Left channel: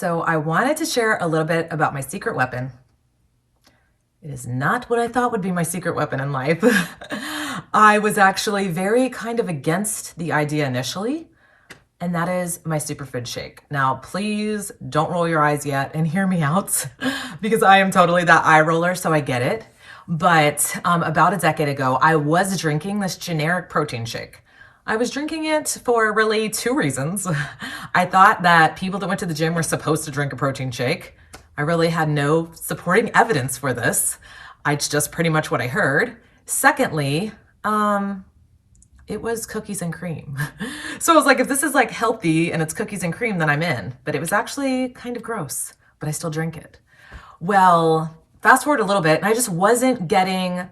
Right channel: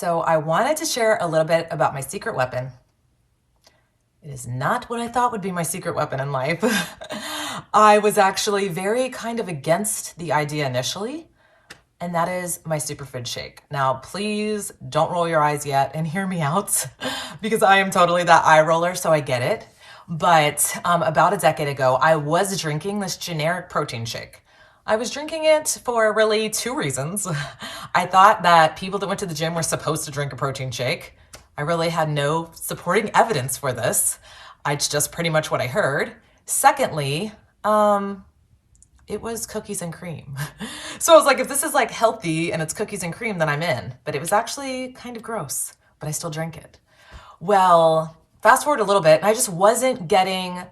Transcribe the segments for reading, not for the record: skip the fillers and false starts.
So I wanted to share a little bit about my secret weapon. It is not what I thought would be my secret weapon in life. I was actually very kind of against the idea initially, and that is my superfood shake. Now, please don't roll your eyes yet and hear me out because I am totally that eye roller, so I get it. But about a decade ago, I was drinking this generic protein shake. I was drinking it for really two reasons. I thought that people that went to the gym were supposed to drink a protein shake. I really had no supporting evidence for this. It's just pretty much what I heard. Secondly, it was cookies and cream. So I was like, if this is like healthy and it's cookies and cream, then I'm in. But it was actually kind of gross, but I still drink it. Well, fast forward a little bit, and I just wasn't getting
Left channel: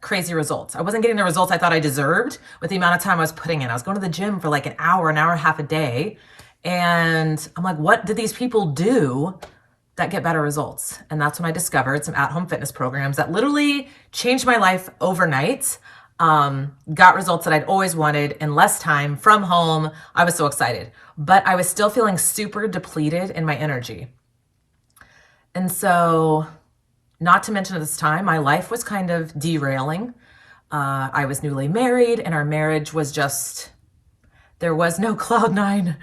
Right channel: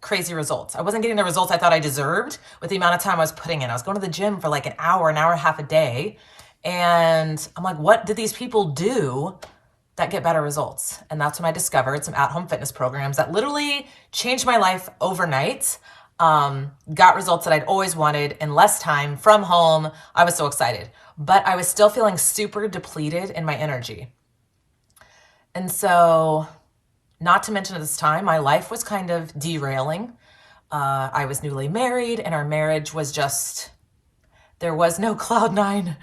crazy results. I wasn't getting the results I thought I deserved with the amount of time I was putting in. I was going to the gym for like an hour and a half a day. And I'm like, what did these people do that get better results? And that's when I discovered some at-home fitness programs that literally changed my life overnight. Got results that I'd always wanted in less time from home. I was so excited, but I was still feeling super depleted in my energy. And so, not to mention at this time, my life was kind of derailing. I was newly married and our marriage was just, there was no cloud nine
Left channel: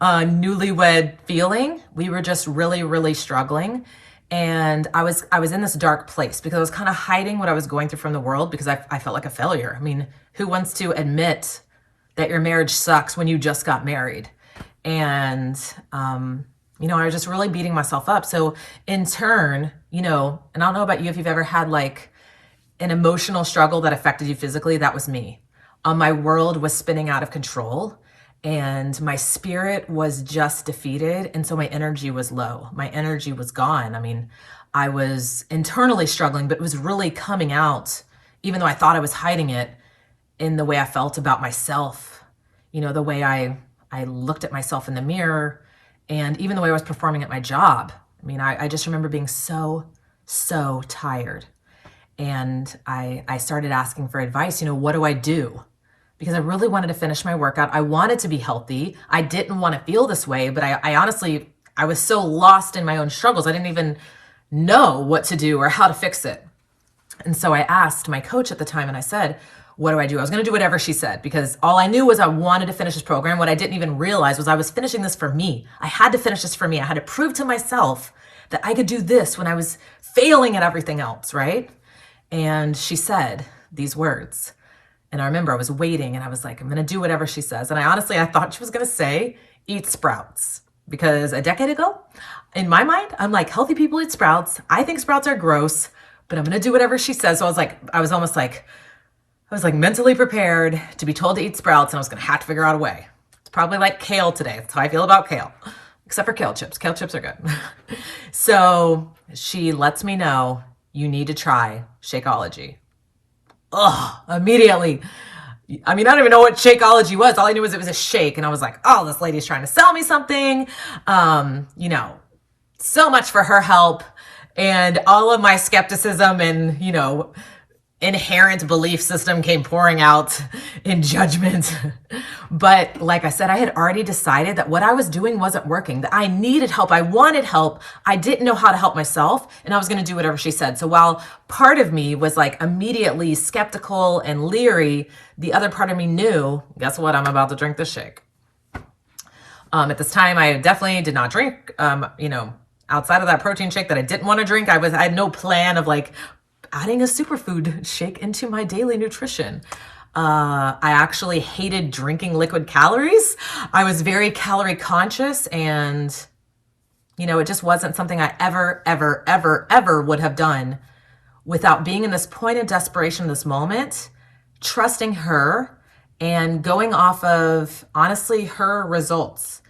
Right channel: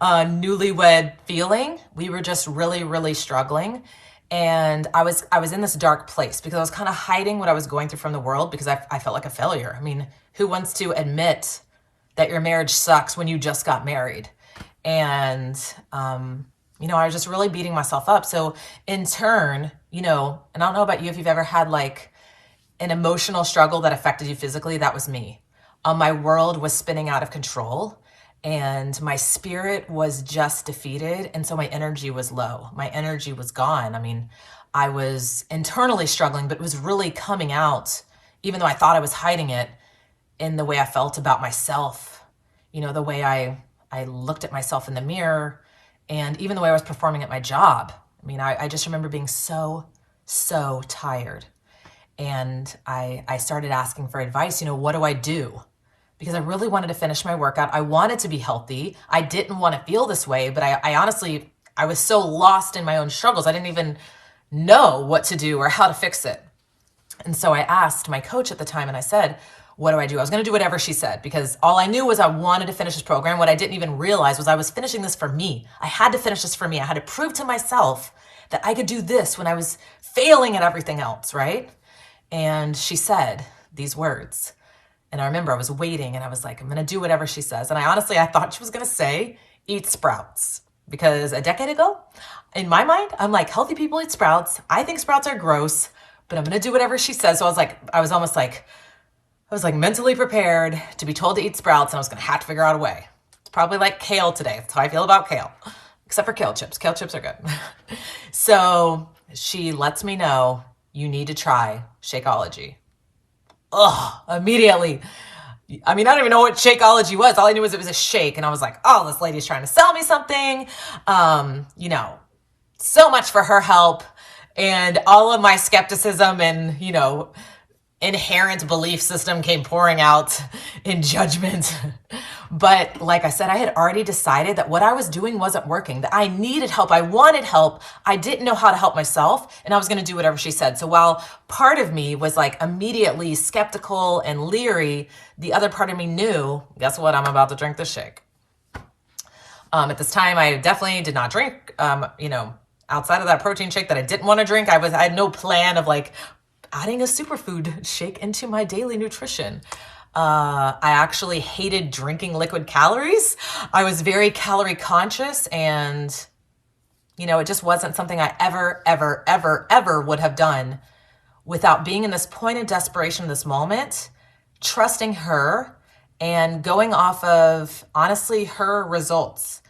newlywed feeling. We were just really, really struggling. And I was in this dark place because I was kind of hiding what I was going through from the world because I felt like a failure. I mean, who wants to admit that your marriage sucks when you just got married? And, I was just really beating myself up. So in turn, and I don't know about you, if you've ever had like an emotional struggle that affected you physically, that was me. My world was spinning out of control and my spirit was just defeated. And so my energy was low. My energy was gone. I mean, I was internally struggling, but it was really coming out, even though I thought I was hiding it, in the way I felt about myself, the way I looked at myself in the mirror, and even the way I was performing at my job. I mean, I just remember being so tired. And I started asking for advice, what do I do? Because I really wanted to finish my workout. I wanted to be healthy. I didn't want to feel this way, but I honestly, I was so lost in my own struggles. I didn't even know what to do or how to fix it. And so I asked my coach at the time and I said, what do I do? I was going to do whatever she said because all I knew was I wanted to finish this program. What I didn't even realize was I was finishing this for me. I had to finish this for me. I had to prove to myself that I could do this when I was failing at everything else, right? And she said these words. And I remember I was waiting and I was like, I'm going to do whatever she says. And I thought she was going to say, eat sprouts. Because a decade ago, in my mind, I'm like, healthy people eat sprouts. I think sprouts are gross, but I'm going to do whatever she says. So I was mentally prepared to be told to eat sprouts and I was going to have to figure out a way. It's probably like kale today. That's how I feel about kale, except for kale chips. Kale chips are good. So she lets me know you need to try Shakeology. Immediately. I mean, I don't even know what Shakeology was. All I knew was it was a shake. And I was like, oh, this lady's trying to sell me something. So much for her help. And all of my skepticism and, inherent belief system came pouring out in judgment. But like I said, I had already decided that what I was doing wasn't working, that I needed help. I wanted help. I didn't know how to help myself, and I was going to do whatever she said. So while part of me was like immediately skeptical and leery, the other part of me knew, guess what? I'm about to drink this shake. At this time, I definitely did not drink, outside of that protein shake that I didn't want to drink. I had no plan of like adding a superfood shake into my daily nutrition. I actually hated drinking liquid calories. I was very calorie conscious and, it just wasn't something I ever would have done without being in this point of desperation, this moment, trusting her and going off of, honestly, her results.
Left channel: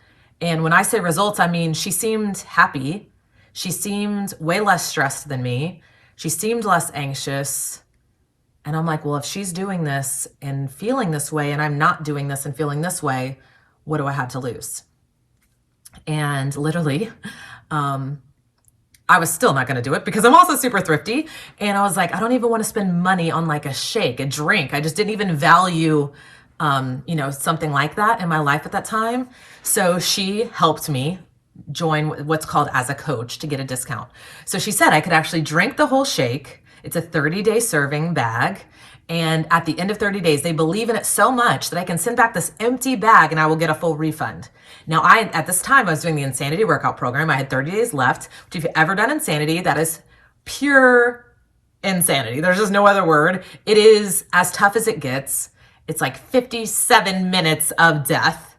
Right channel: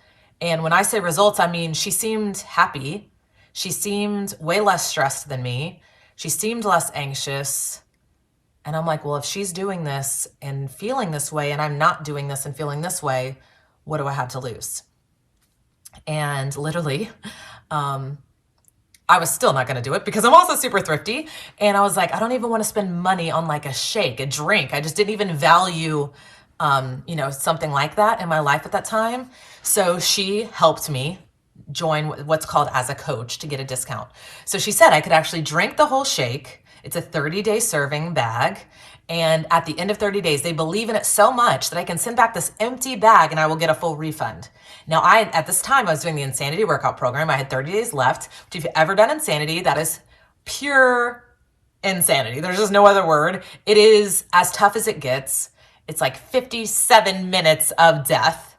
And when I say results, I mean, she seemed happy. She seemed way less stressed than me. She seemed less anxious. And I'm like, well, if she's doing this and feeling this way and I'm not doing this and feeling this way, what do I have to lose? And literally, I was still not going to do it because I'm also super thrifty. And I was like, I don't even want to spend money on like a shake, a drink. I just didn't even value, something like that in my life at that time. So she helped me join what's called as a coach to get a discount. So she said I could actually drink the whole shake. It's a 30-day serving bag. And at the end of 30 days, they believe in it so much that I can send back this empty bag and I will get a full refund. Now, at this time, I was doing the Insanity workout program. I had 30 days left, which if you've ever done Insanity, that is pure insanity. There's just no other word. It is as tough as it gets. It's like 57 minutes of death.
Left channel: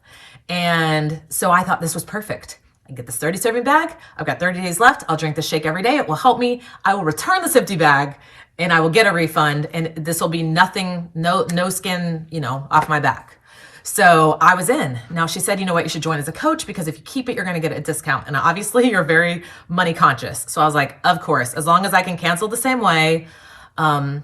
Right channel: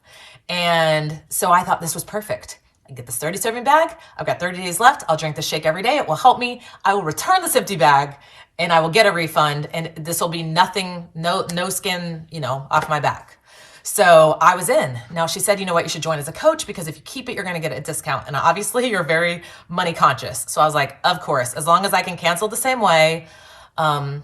And so I thought this was perfect. I get this 30 serving bag. I've got 30 days left. I'll drink the shake every day. It will help me. I will return this empty bag and I will get a refund. And this will be nothing, no skin, off my back. So I was in. Now she said, you know what, you should join as a coach because if you keep it, you're going to get a discount. And obviously you're very money conscious. So I was like, of course, as long as I can cancel the same way. And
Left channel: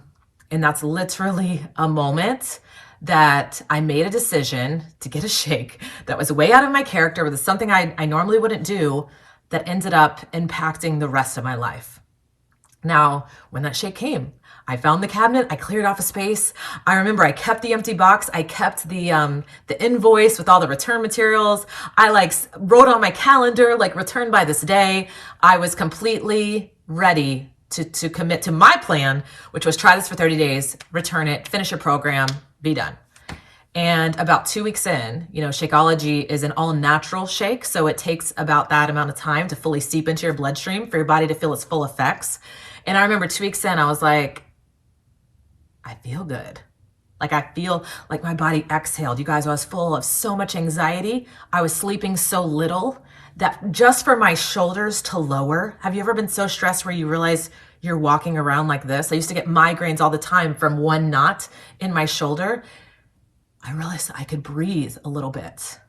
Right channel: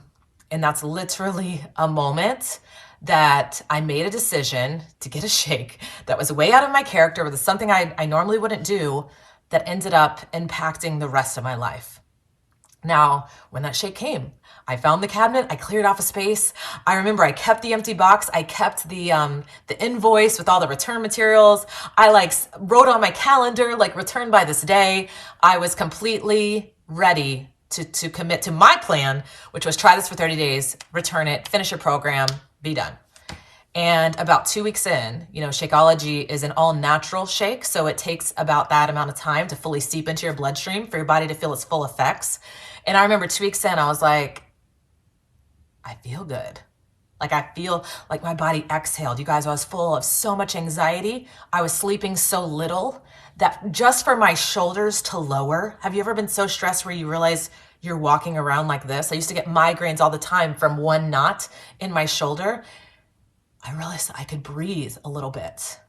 that's literally a moment that I made a decision to get a shake that was way out of my character, was something I normally wouldn't do, that ended up impacting the rest of my life. Now, when that shake came, I found the cabinet, I cleared off a space. I remember I kept the empty box. I kept the invoice with all the return materials. I wrote on my calendar, return by this day. I was completely ready to commit to my plan, which was try this for 30 days, return it, finish a program, be done. And about 2 weeks in, Shakeology is an all natural shake. So it takes about that amount of time to fully seep into your bloodstream for your body to feel its full effects. And I remember 2 weeks in, I was like, I feel good. I feel like my body exhaled. You guys, I was full of so much anxiety. I was sleeping so little that just for my shoulders to lower. Have you ever been so stressed where you realize you're walking around like this? I used to get migraines all the time from one knot in my shoulder. I realized I could breathe a little bit.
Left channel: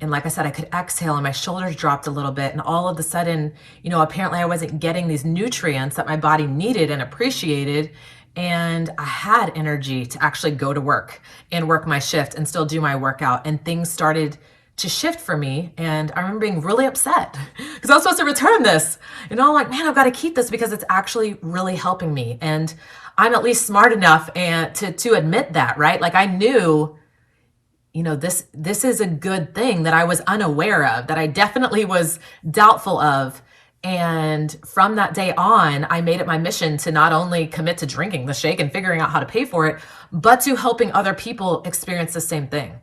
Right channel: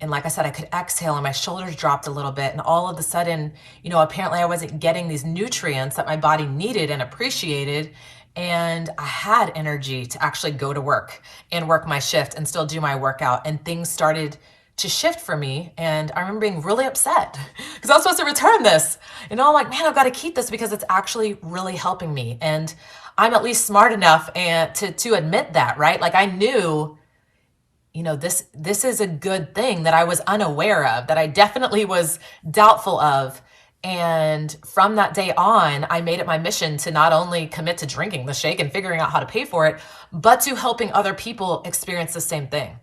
And like I said, I could exhale and my shoulders dropped a little bit. And all of a sudden, apparently I wasn't getting these nutrients that my body needed and appreciated. And I had energy to actually go to work and work my shift and still do my workout. And things started to shift for me. And I remember being really upset because I was supposed to return this. And I'm like, man, I've got to keep this because it's actually really helping me. And I'm at least smart enough to admit that, right? I knew, this is a good thing that I was unaware of, that I definitely was doubtful of. And from that day on, I made it my mission to not only commit to drinking the shake and figuring out how to pay for it, but to helping other people experience the same thing.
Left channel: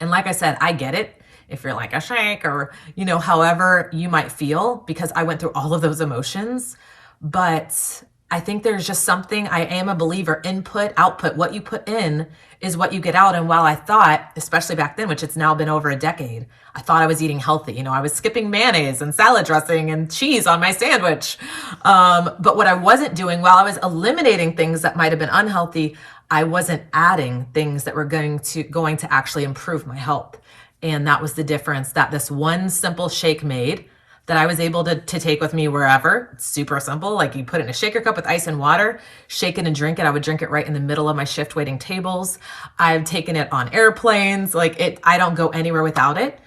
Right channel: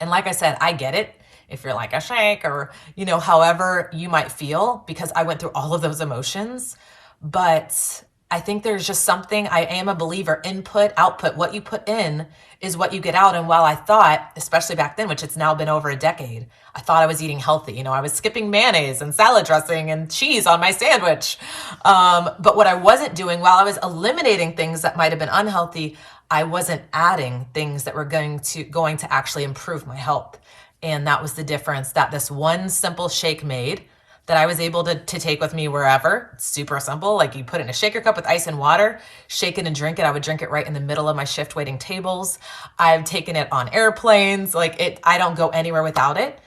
And like I said, I get it if you're like a shake or, however you might feel, because I went through all of those emotions. But I think there's just something, I am a believer, input, output, what you put in is what you get out. And while I thought, especially back then, which it's now been over a decade, I thought I was eating healthy. I was skipping mayonnaise and salad dressing and cheese on my sandwich. But what I wasn't doing, while I was eliminating things that might have been unhealthy, I wasn't adding things that were going to actually improve my health. And that was the difference that this one simple shake made, that I was able to take with me wherever. It's super simple. You put it in a shaker cup with ice and water, shake it and drink it. I would drink it right in the middle of my shift waiting tables. I've taken it on airplanes. I don't go anywhere without it.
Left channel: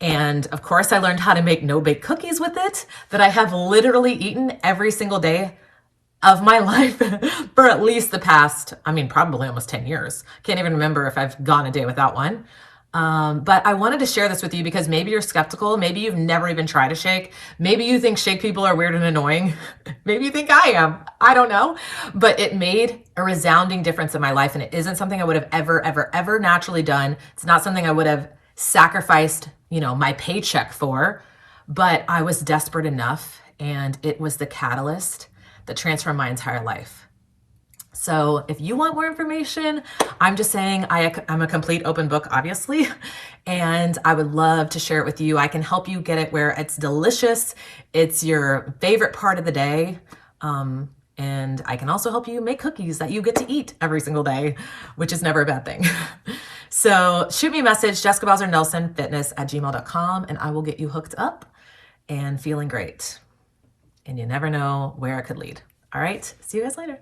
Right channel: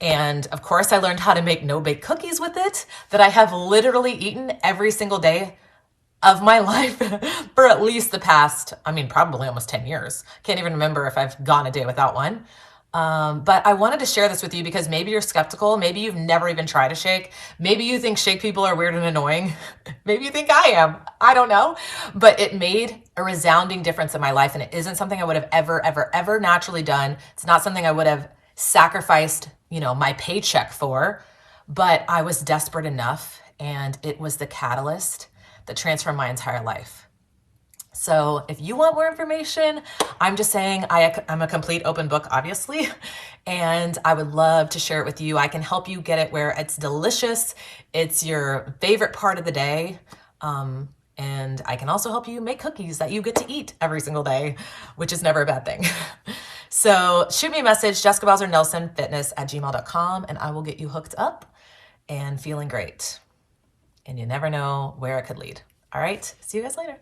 And of course, I learned how to make no-bake cookies with it that I have literally eaten every single day of my life for at least the past, probably almost 10 years. Can't even remember if I've gone a day without one. But I wanted to share this with you because maybe you're skeptical. Maybe you've never even tried a shake. Maybe you think shake people are weird and annoying. Maybe you think I am. I don't know. But it made a resounding difference in my life. And it isn't something I would have ever naturally done. It's not something I would have sacrificed, my paycheck for. But I was desperate enough. And it was the catalyst that transformed my entire life. So if you want more information, I'm just saying I'm a complete open book, obviously, and I would love to share it with you. I can help you get it where it's delicious. It's your favorite part of the day. And I can also help you make cookies that you get to eat every single day, which is never a bad thing. So shoot me a message, jessicabowsernelsonfitness@gmail.com, and I will get you hooked up and feeling great. And you never know where it could lead. All right. See you guys later.